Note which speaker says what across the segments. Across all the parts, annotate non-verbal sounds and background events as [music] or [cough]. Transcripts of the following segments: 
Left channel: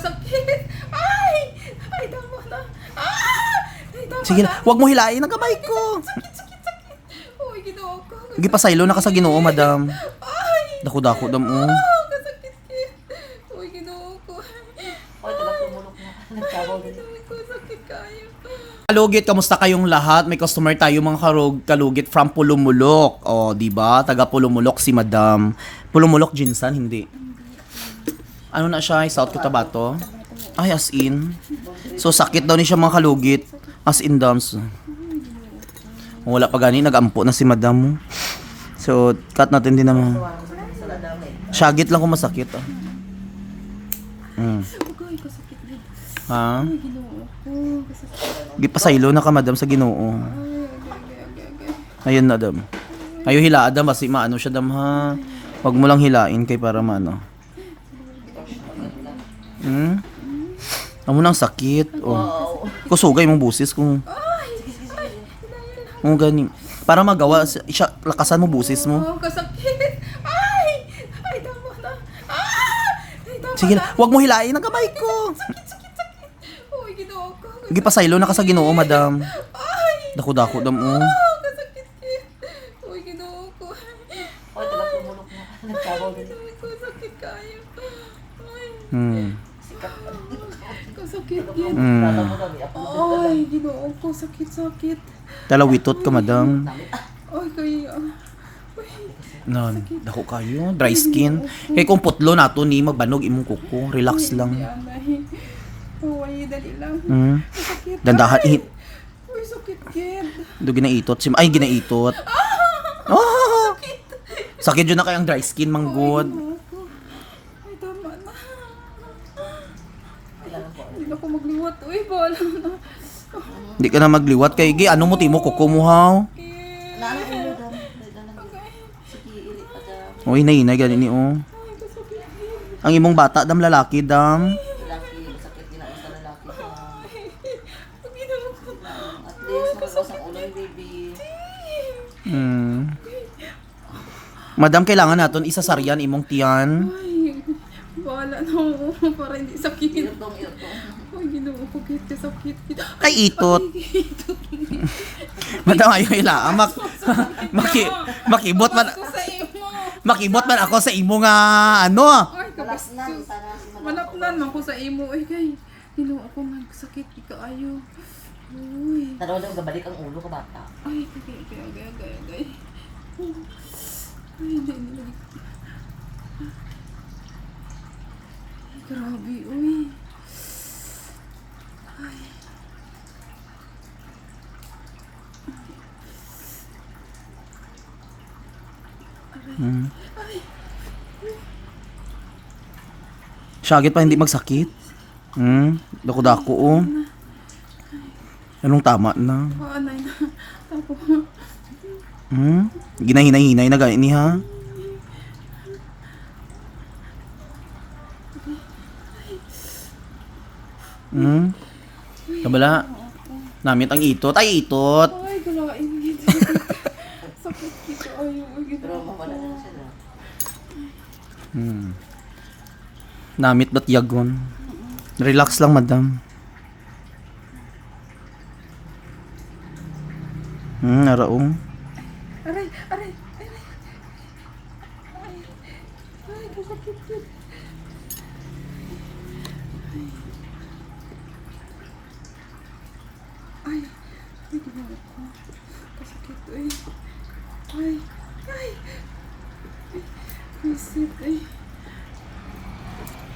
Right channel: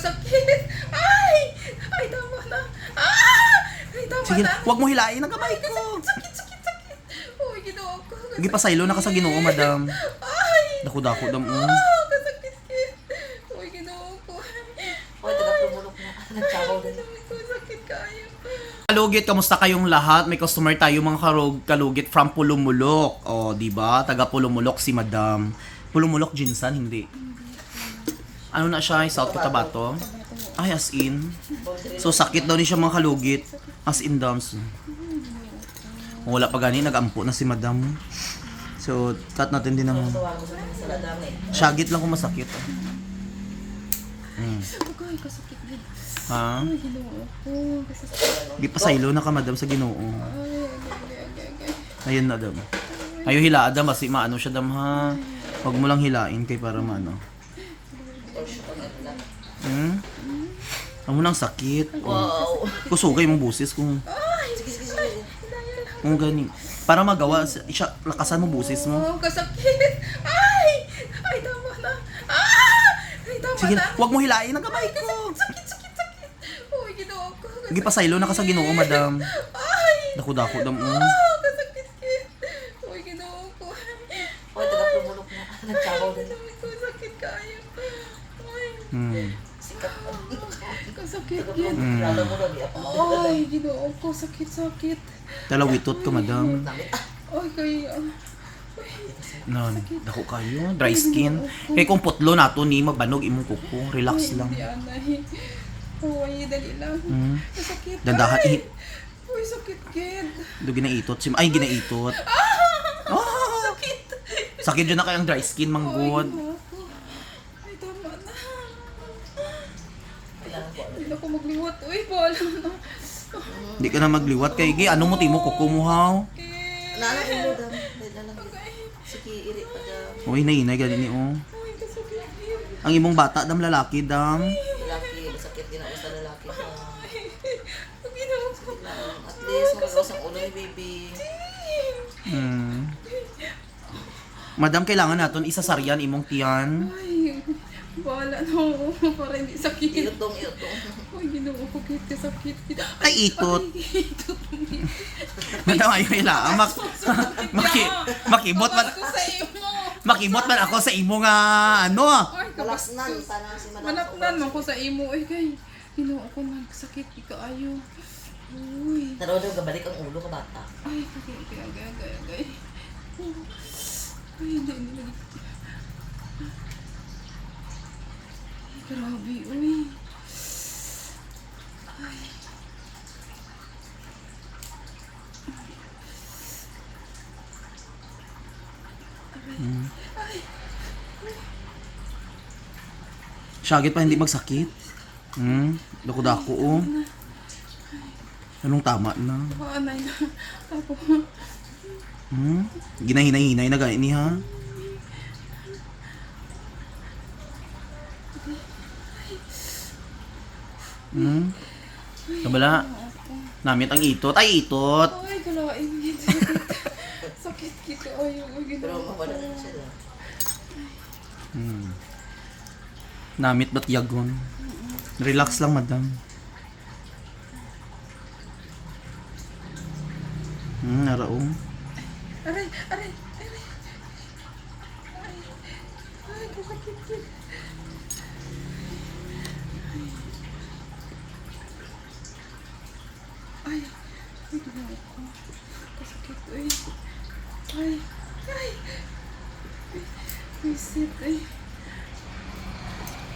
Speaker 1: Sakit! Ay! Ay, tama na! Ah! Ay, tama
Speaker 2: Sige
Speaker 1: na!
Speaker 2: na, huwag mo hilain ang kamay ko.
Speaker 1: Sakit, sakit, sakit! Uy, ginoo ko.
Speaker 2: Sige pa saylo na ka sa Ginoo, madam.
Speaker 1: Ay!
Speaker 2: Dako-dako dam oh.
Speaker 1: Ah, kasakit kit. Uy, ginoo ko.
Speaker 3: O, taga pumulok na. Nagsabaw din.
Speaker 1: Ginoo ko, sakit kayo.
Speaker 2: Kalugit, kamusta kayong lahat? May customer tayo mga karog kalugit from Pulumulok. O, di ba? Taga Pulumulok si Madam. Pulumulok Jinsan, hindi. Ano na siya? South Cotabato? Ay, as in. So, sakit daw ni siya mga kalugit. As in, dams. Wala pa gani, nag-ampo na si Madam. So, cut natin din naman. Shagit lang kung masakit. Oh. Mm. Ha? Di pa saylo na ka, Madam, sa Ginoo. Ayun na, Dam. Ayo hila, Dam, kasi maano siya, Dam, ha? Huwag mo lang hilain kay para maano. Hmm? Amo nang sakit. Oh. Kusugay mong busis kung... Mo gani. Para magawa si- siya, lakasan mo busis mo.
Speaker 1: Oh, kasakit! Ay! Ay, tama na! Ah! Ay, tama
Speaker 2: Sige
Speaker 1: na!
Speaker 2: huwag mo hilain ang kamay ko.
Speaker 1: Sakit, sakit, sakit! Uy, ginoo ko.
Speaker 2: Sige pa saylo na ka sa Ginoo, Madam.
Speaker 1: Ay!
Speaker 2: Dako-dako, Dam, oh.
Speaker 1: Ah, kasakit kit. Uy, ginoo ko.
Speaker 3: Din.
Speaker 1: Ginoo ko, sakit kayo. Ay,
Speaker 2: Hmm.
Speaker 3: Sikat pa.
Speaker 1: kasakit kit.
Speaker 3: Tama mo lang. di ako.
Speaker 1: Ay, ginoo ko, sakit, sakit.
Speaker 2: Talawitot ka, Madam.
Speaker 1: Ay, kaya.
Speaker 2: Non, dako kayo. Dry skin. Kay kung putlo nato ni magbanog imong kuko. Relax lang.
Speaker 1: Uy, dali lang.
Speaker 2: Hmm.
Speaker 1: Sakit.
Speaker 2: Dandahan,
Speaker 1: Ay!
Speaker 2: ihit.
Speaker 1: Uy, sakit kit.
Speaker 2: Do ginaitot si ay ginaitot. Ah!
Speaker 1: Sakit.
Speaker 2: Sakit yun na kayang dry skin
Speaker 1: Ay,
Speaker 2: manggod.
Speaker 1: ginoo ko. Ay, tama na. Hindi na ako magliwat. Uy, bahala na.
Speaker 2: Hindi ka na magliwat kay gi ano mo timo kuko mo haw.
Speaker 1: Kit.
Speaker 3: Naanak mo dam. Sige, iri taga.
Speaker 2: Oy nainay gani ni oh. Ang imong bata dam lalaki dam.
Speaker 3: Lalaki. Sakit din sa lalaki.
Speaker 1: Ang ginoo ko.
Speaker 3: At least, malakas ang ulo ni baby.
Speaker 2: Hmm. Madam kailangan naton isasaryan imong tiyan.
Speaker 1: Ay, bahala na ako para hindi sakit.
Speaker 3: Iutong, iutong.
Speaker 1: Ay, ginoo ko kit, kasakit kit.
Speaker 2: Ay itot. [laughs]
Speaker 1: Ay, itot.
Speaker 2: Ayo ila mak [laughs] maki makibot man
Speaker 1: ko sa
Speaker 2: makibot man ako sa imo nga ano.
Speaker 1: Ay, ko.
Speaker 3: Si Madam.
Speaker 1: Malapnan man ko sa imo. Ay, kay. Ginoo ko man, sakit ikaayo. Uy.
Speaker 3: Taro daw gabalik ang ulo ka bata.
Speaker 1: Ay, kagay, kagay, agay, agay, agay. Oh. Ay, hindi, hindi grabe, uy. Ay. Ay,
Speaker 2: Syagit pa hindi magsakit. Hmm. Dako-dako oh. Anong tama na?
Speaker 1: paanay na. Tapos,
Speaker 2: Hmm? Ginahinay-hinay na gani ni ha? Hmm? Kabala. Namit ang itot. Ay, itot.
Speaker 1: ay, galain gito. [laughs] Sakit kito, ay, ay,
Speaker 3: Pero mawala na siya.
Speaker 2: Hmm. Namit ba't yagon? Relax lang, madam. Hmm, naraong.
Speaker 1: Aray, aray, aray. Ay, ay, kasakit kit. Ay, ay, ginoo ko. Kasakit, ay. Ay, ay. Ay, Visit, ay.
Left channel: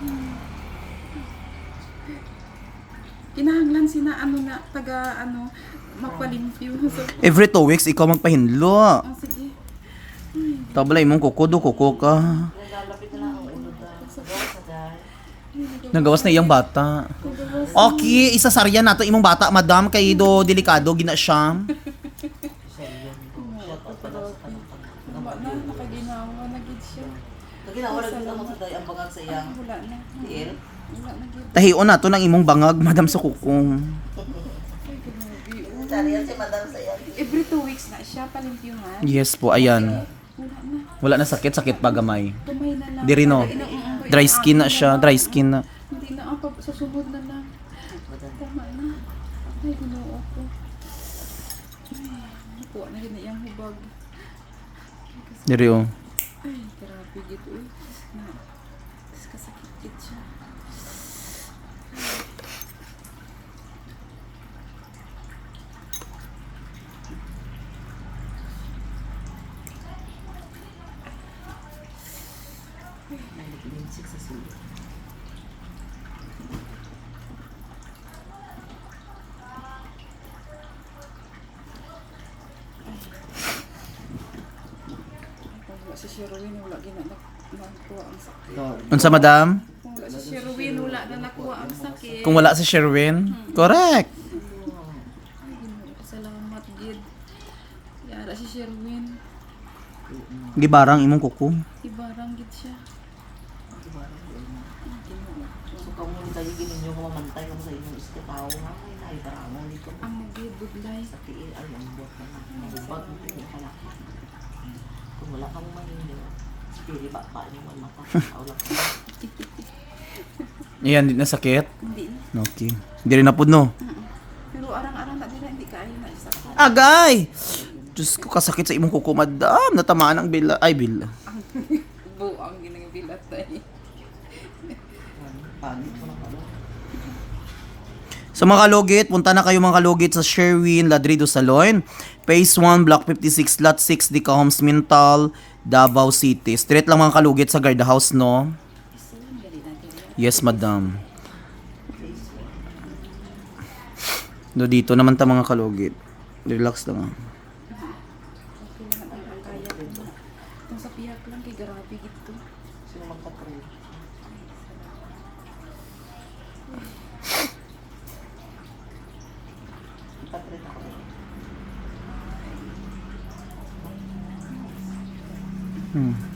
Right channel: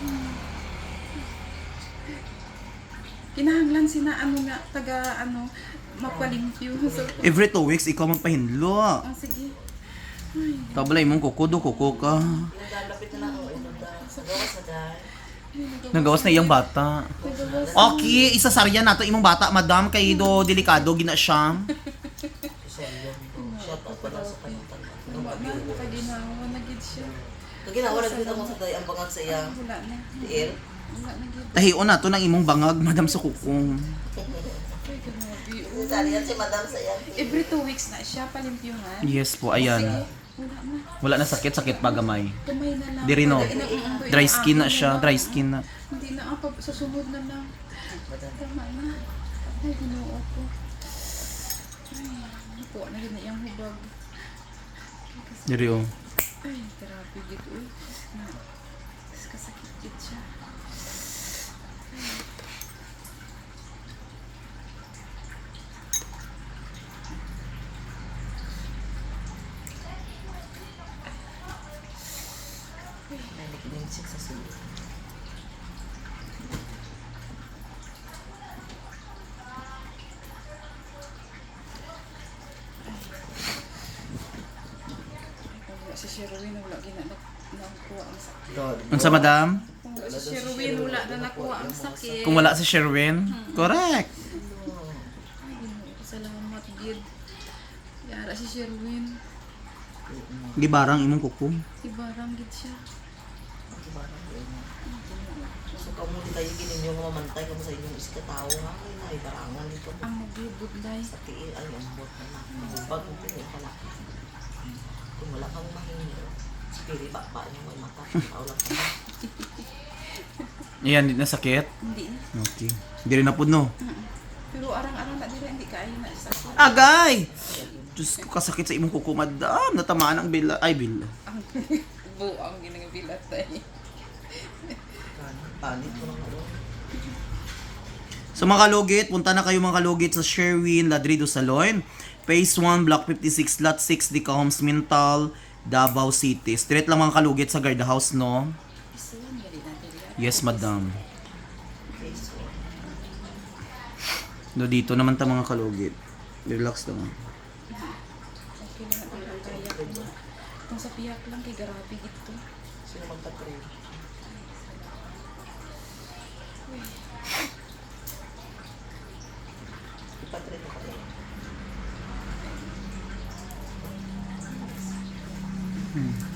Speaker 1: Hmm. Kinahanglan sina taga ano mapalimpyo. [laughs] So,
Speaker 2: Every two weeks, ikaw magpahinlo.
Speaker 1: ah, sige. Ay,
Speaker 2: Tabalay mong kuko do, kuko ka. Nagawas na iyang bata.
Speaker 1: nagawas.
Speaker 2: Okay, isasaryan nato imong bata, madam, kay do delikado gina siya.
Speaker 1: Wala na, nakaginawa na gid siya.
Speaker 3: Lagi na oras din mo sa dahil ang bangag sa iya.
Speaker 1: Wala na.
Speaker 3: Tiil.
Speaker 1: Wala na gid.
Speaker 2: Tahion nato ng imong bangag, madam sa kukong.
Speaker 3: Yan si Madam sa iya?
Speaker 1: Every two weeks na siya palimpyuhan.
Speaker 2: Yes po, ayan.
Speaker 1: Wala na.
Speaker 2: Wala na sakit, sakit pa gamay.
Speaker 1: Gamay na lang.
Speaker 2: Di rin, no? Dry skin na siya, dry skin na.
Speaker 1: Hindi na ako pa, sa sunod na lang. Tama na. Ay, ginoo ko. Ay, nakuha na gina yung hubag.
Speaker 2: Diri oh.
Speaker 1: Ay, grabe gito eh. Na, kasakit gid siya. Ay, kung wala si Sherwin, wala gina na, nakuha ang sakit.
Speaker 2: Unsa madam?
Speaker 1: Kung wala si Sherwin, wala na nakuha ang sakit.
Speaker 2: Kung wala si Sherwin, correct.
Speaker 1: Salamat, gid. Yara si Sherwin.
Speaker 2: Gibarang imong kuko.
Speaker 1: Ibarang gid siya.
Speaker 3: So hindi tayo ginin yung mamantay naman sa inyong iskataw nga. Ay, barangon dito.
Speaker 1: Amo gid, budlay.
Speaker 3: Sa tiin, ay, ang bot naman. Bag ang tiin pala. Kung wala kang mahinyo, spiri ba pa niyo ang mata. [laughs] Tawag ka.
Speaker 2: Ayan, di na sakit.
Speaker 1: Hindi na.
Speaker 2: Okay. Diri na pud no.
Speaker 1: Pero arang-arang na dila, hindi kaayo na sakit.
Speaker 2: Agay! Diyos ko, kasakit sa imong kuko, madam. Natamaan ang bila. Ay, bila.
Speaker 1: Ang [laughs] buang ginagabilat tayo.
Speaker 2: Sa mga kalugit, punta na kayo mga kalugit sa Sherwin Ladrido Salon. Phase 1, Block 56, Lot 6, Dicahoms, Mintal, Davao City. Straight lang mga kalugit sa guard house, no? Yes, madam. No, dito naman ta mga kalugit. Relax lang.
Speaker 1: Okay lang ang kaya ko. Itong sa piyak lang, kay grabe gito.
Speaker 3: Sino magpatrin?
Speaker 1: Ay, salamat.
Speaker 3: Ipatrin ako rin.
Speaker 2: Hmm.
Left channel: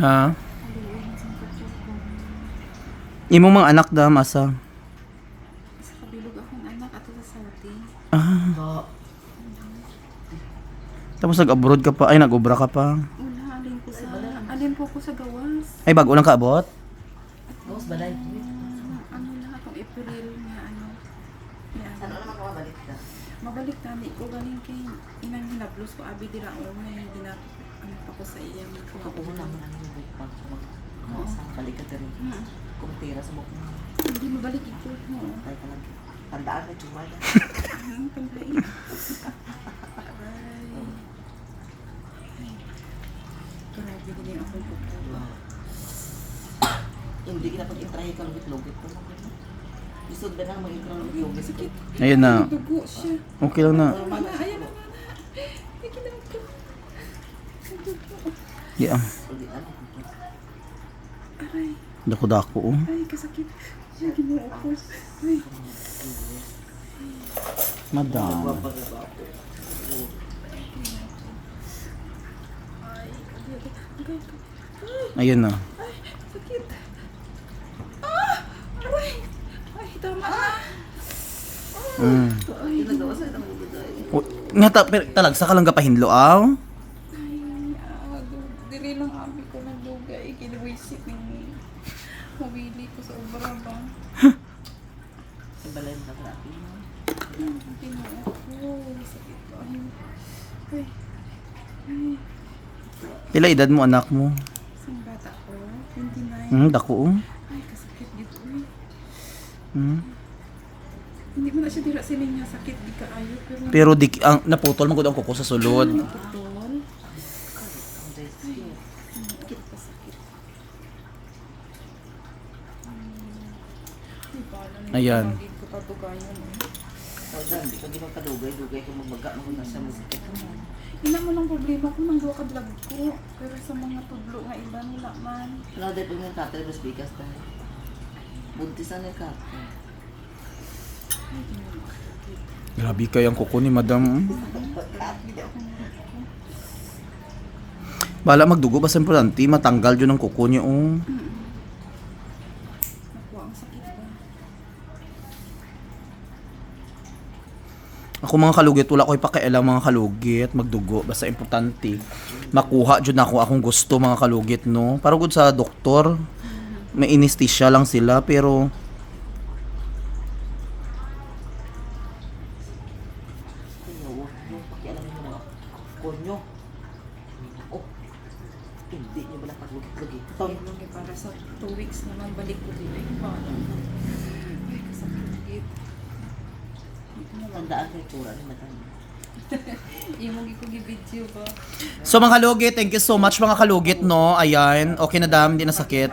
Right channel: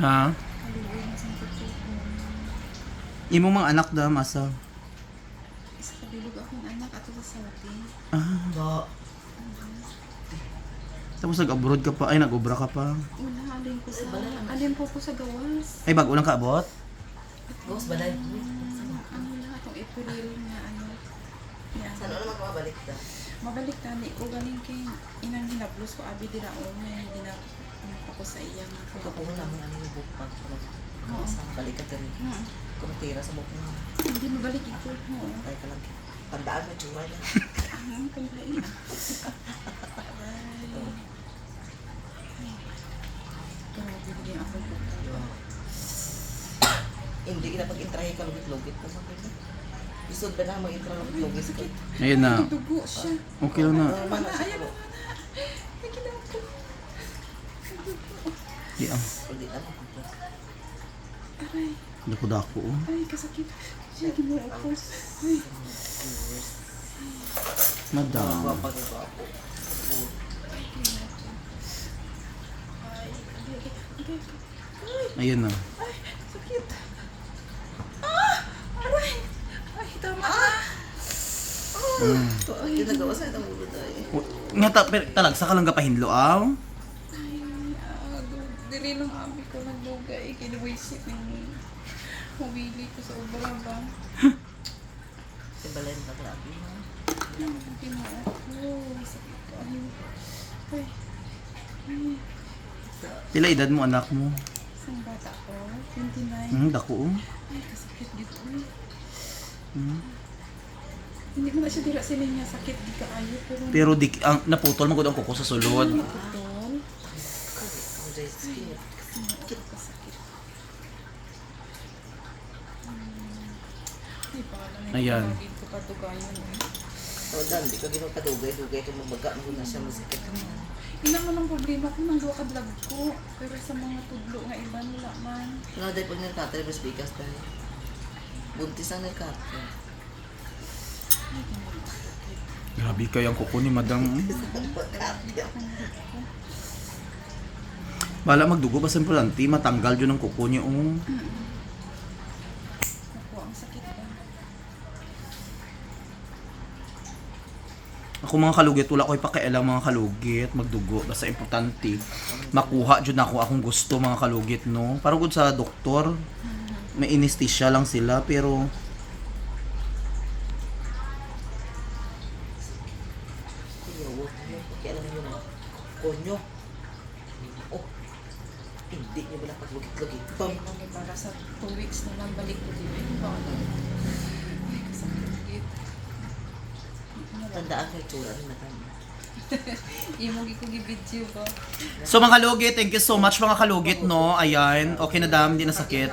Speaker 2: Ha?
Speaker 1: Kaluoy na sa.
Speaker 2: Imo mga anak da masa.
Speaker 1: Isa kabilog akong anak ato sa Saudi.
Speaker 2: Ah, tapos nag-abroad ka pa. Ay, nag-obra ka pa.
Speaker 1: Wala, alin ko sa... Alin po ko sa gawas.
Speaker 2: Ay, bago lang ka abot?
Speaker 3: Boss, balay.
Speaker 1: Ah, ano lang, itong April nga ano. Yan.
Speaker 3: Sana naman ako mabalik na.
Speaker 1: Mabalik tani ko galing kay inang hinablos ko abi dira o may ginap ano pa ko sa iyang mga
Speaker 3: Kapuho lang ang yung bukpag.
Speaker 1: Oo.
Speaker 3: Sa balik ka din. Kung tira sa bukpag.
Speaker 1: Hindi mabalik ito. Oo.
Speaker 3: Tay ka lang. Tandaan mo yung niya.
Speaker 1: Ang panglain. Aray. Ay. Grabe din yung akong kuko.
Speaker 3: Hindi na pag-intrahe ka lugit-lugit ko. Isod ba na mo intrahe lugit-lugit?
Speaker 1: sakit.
Speaker 2: Ayun na.
Speaker 1: Ay, dugo siya.
Speaker 2: Okay lang na.
Speaker 1: Na, ayan na, na. Ay, kinaw ko. Ay, dugo.
Speaker 2: Yeah.
Speaker 3: Na.
Speaker 1: Aray.
Speaker 2: Dako-dako. oh.
Speaker 1: Ay, kasakit. Ay, ginoo ko. Ay.
Speaker 2: Madam. Ayun na.
Speaker 1: ay, sakit. Ah! Aray! Ay, tama na.
Speaker 2: Mm.
Speaker 1: Ay,
Speaker 3: Ginagawa sa itang ulo dahil.
Speaker 2: O, Nga ta, pero talag sa ka lang kapahinlo, aw?
Speaker 1: ah, diri lang abi ko nagdugay. Kinuwisip ng mawili ko sa obra ba. [laughs]
Speaker 3: Yung balay na grabe.
Speaker 1: Ay, ginoo ko. Sakit ko. Ay, ay. Ay,
Speaker 2: Pila edad mo, anak mo?
Speaker 1: isang bata ko. 29.
Speaker 2: Hmm, dako. oh.
Speaker 1: Ay, kasakit dito eh.
Speaker 2: Hmm.
Speaker 1: Hindi mo na siya dira sila niya sakit di kaayo pero
Speaker 2: Pero di, ang, naputol mo ang kuko sa sulod.
Speaker 1: putol. Ano ko kasakit. Hmm. Ay, paano na
Speaker 2: Ayan.
Speaker 1: Tawagin ko pa to gayon eh.
Speaker 3: O dan, di ka ginong kadugay-dugay ito magbaga mo na siya musikat.
Speaker 1: Ina mo ng problema ko nang duwa ka vlog ko. Pero sa mga tudlo nga iba wala man.
Speaker 3: Wala dahil pag nagkatay, mas bigas dahil. Buntis ang nagkatay.
Speaker 1: Ko sakit.
Speaker 2: Grabe kayang kuko ni madam.
Speaker 3: Pagkatay.
Speaker 2: Bala magdugo basta importante matanggal yun ang kuko niyo. Oh.
Speaker 1: Naku, sakit ba?
Speaker 2: Ako mga kalugit, wala ko ipakialam mga kalugit, magdugo, basta importante. Makuha jud ako akong gusto mga kalugit, no? Para gud sa doktor, may anesthesia lang sila, pero
Speaker 3: Kaya huwag mo pakialam nyo na konyo. Oh, hindi nyo wala paglugit-lugit.
Speaker 1: Ay, lagi para sa two weeks naman balik ko din. Ay, paano? Ay, kasakit git.
Speaker 3: Tandaan kay Tura rin matanda.
Speaker 1: Imo gi ko gi-video ba?
Speaker 2: So mga kalugit, thank you so much mga kalugit, no? Ayan, okay na dam, di na sakit.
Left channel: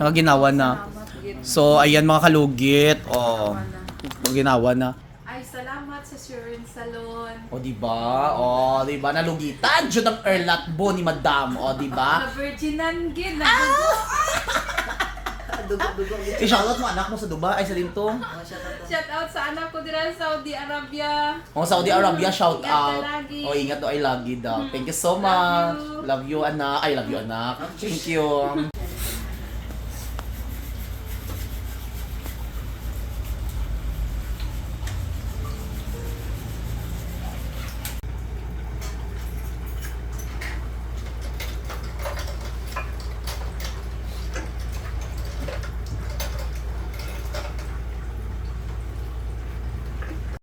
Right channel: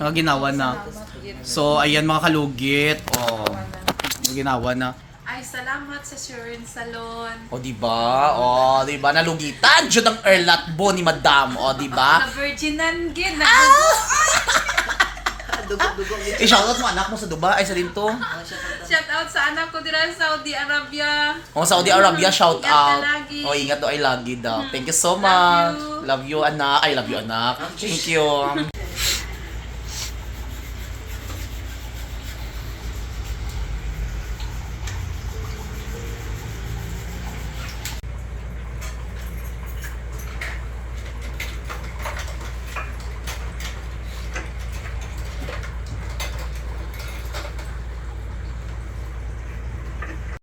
Speaker 1: Nakaginawa na.
Speaker 2: So, ayan mga kalugit, oh,
Speaker 1: Ginawa na. Ay, salamat sa Shurin Salon.
Speaker 2: O, di ba? O, di ba? Nalugitan jud ang erlatbo ni Madam. O, di ba?
Speaker 1: Na virginan gid.
Speaker 3: Dugog-dugog yun.
Speaker 2: I-shoutout mo anak mo sa Dubai, ay sa.
Speaker 3: Ah, siya pa
Speaker 1: Shout out sa anak ko dira sa Saudi Arabia.
Speaker 2: O, Saudi Arabia, shout
Speaker 1: Ingat ka
Speaker 2: out.
Speaker 1: lagi.
Speaker 2: O, ingat o, ay lagi daw. Thank you so much. Love you, anak. Ay, love you, anak. Thank you.